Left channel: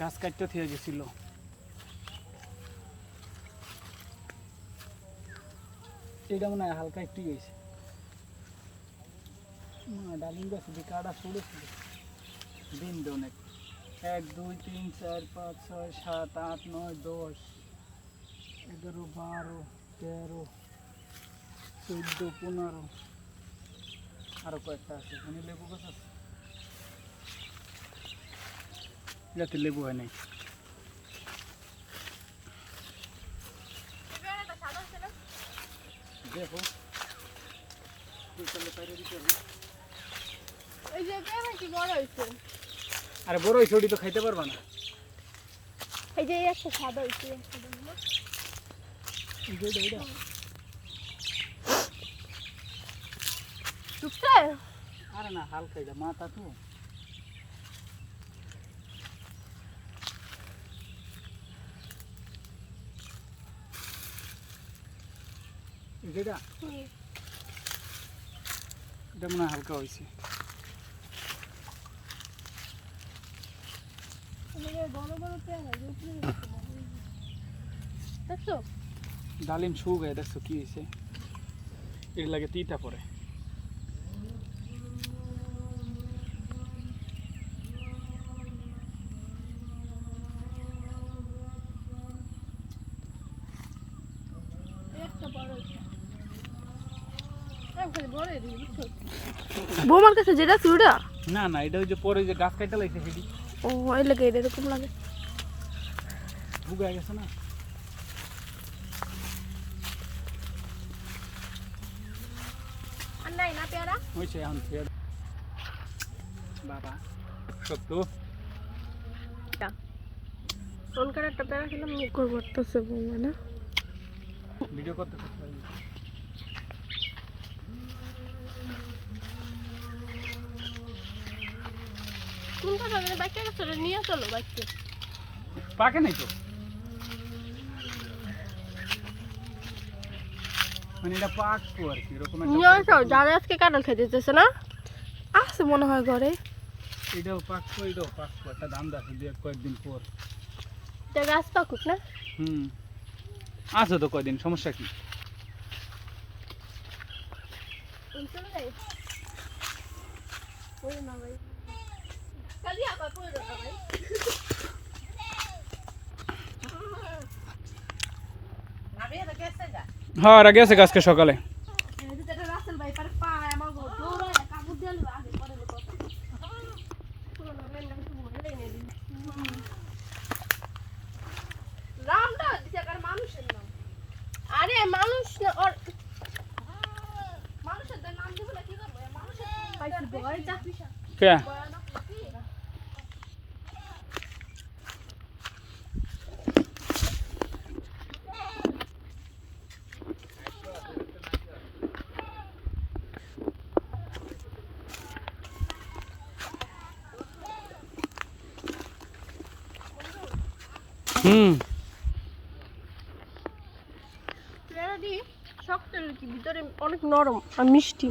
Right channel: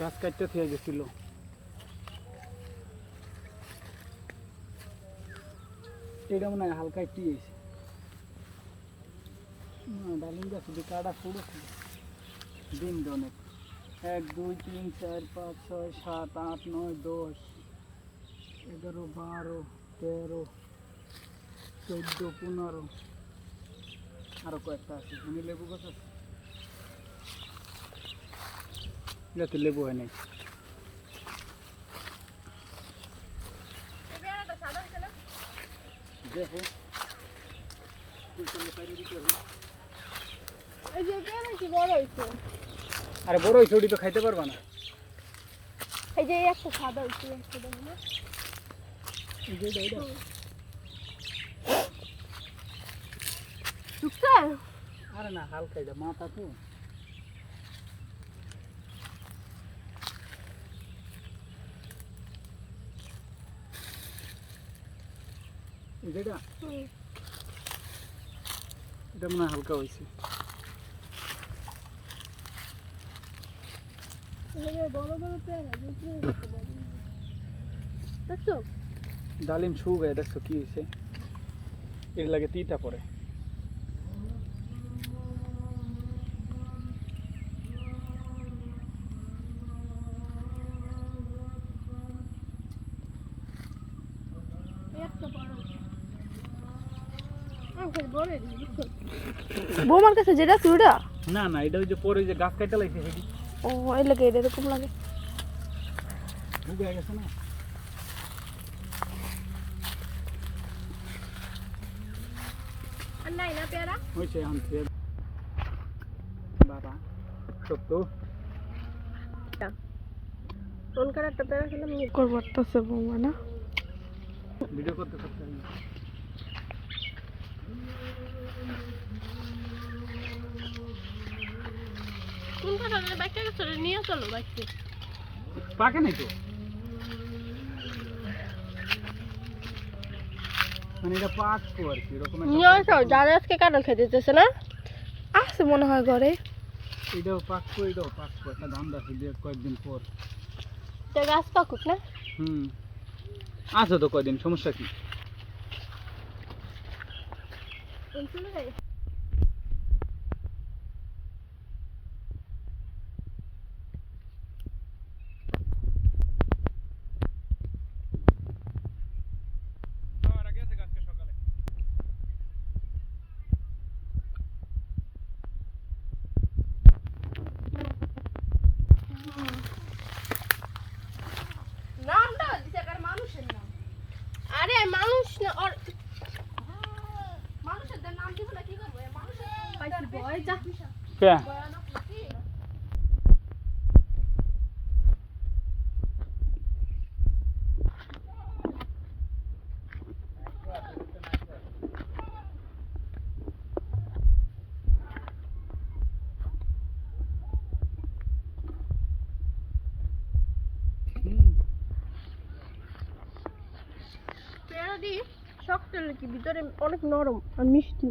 গাছ কাটতে থেকে গেছিল। এটা মনে হয় হালকা একটু গেছে না, ডালিম গাছ কাটা পড়েছিল দিন অনেক। 1 2 3 4 5 6 7 8 9 10 11 12 13 14 15 আরো কয়েকটা আছে। মানে লেবু গাছ আছে, যাতে লেবু হয় নাই। দেখো এই যে পেয়ারা কি বড় হইছে? আরে বড় হয়েছে, ওটি তো খাইতে পারবা না। এই যে একটা সাদা হইছে, একটা দেখো না। টুকছে? আরে না, হালকা এটা মাথা তো। এটা এটা মনে হয় হালকা হয়েছে। বড় বড় পেয়ারা দেখছো? ডালিম শুকায়, দেখছো কি হয়েছে? এর লাগে তিতা পড়ে। বৌমার কাছে যেটা চুড়া? না না, এটা যে পরে যে গাছ কাটতে লাগছে সেটি ও এই লাগে এরকম লাগে। শুকায় গেছে না। আর নাই না পেয়ারা? হয়েছে আনছে বাবা শক্ত। কোনকার একটা পেয়ারা খেলাম মুখর বাড়তেছে বৌমা না? ভিডিও করতে করতে কোন কাটা বাইকটা গেছে নিয়ে চলো বাইকটা। পাকে নাই তো, মানে এটা পাকবো আর কি এরকম নিয়ে আসো, যারা আজকে কাঁঠাল খেতে দিতেছে না আছে মনে হয় ঘরে। এটাও পাকবো, এটাও পাকবো, একটা দাম আছে কয়েকদিন পর। গাছ পাকুক না? আছে তো কয়দিন, সমস্যা কি? হ্যাঁ আর গেছে আজকে সকালে। আরে মানুষ না, মানুষের নাম দিব না, কি করবো? কে পেয়ারা দি শক্ত নাকি ভিতরে অনেক নরম আর মিষ্টি।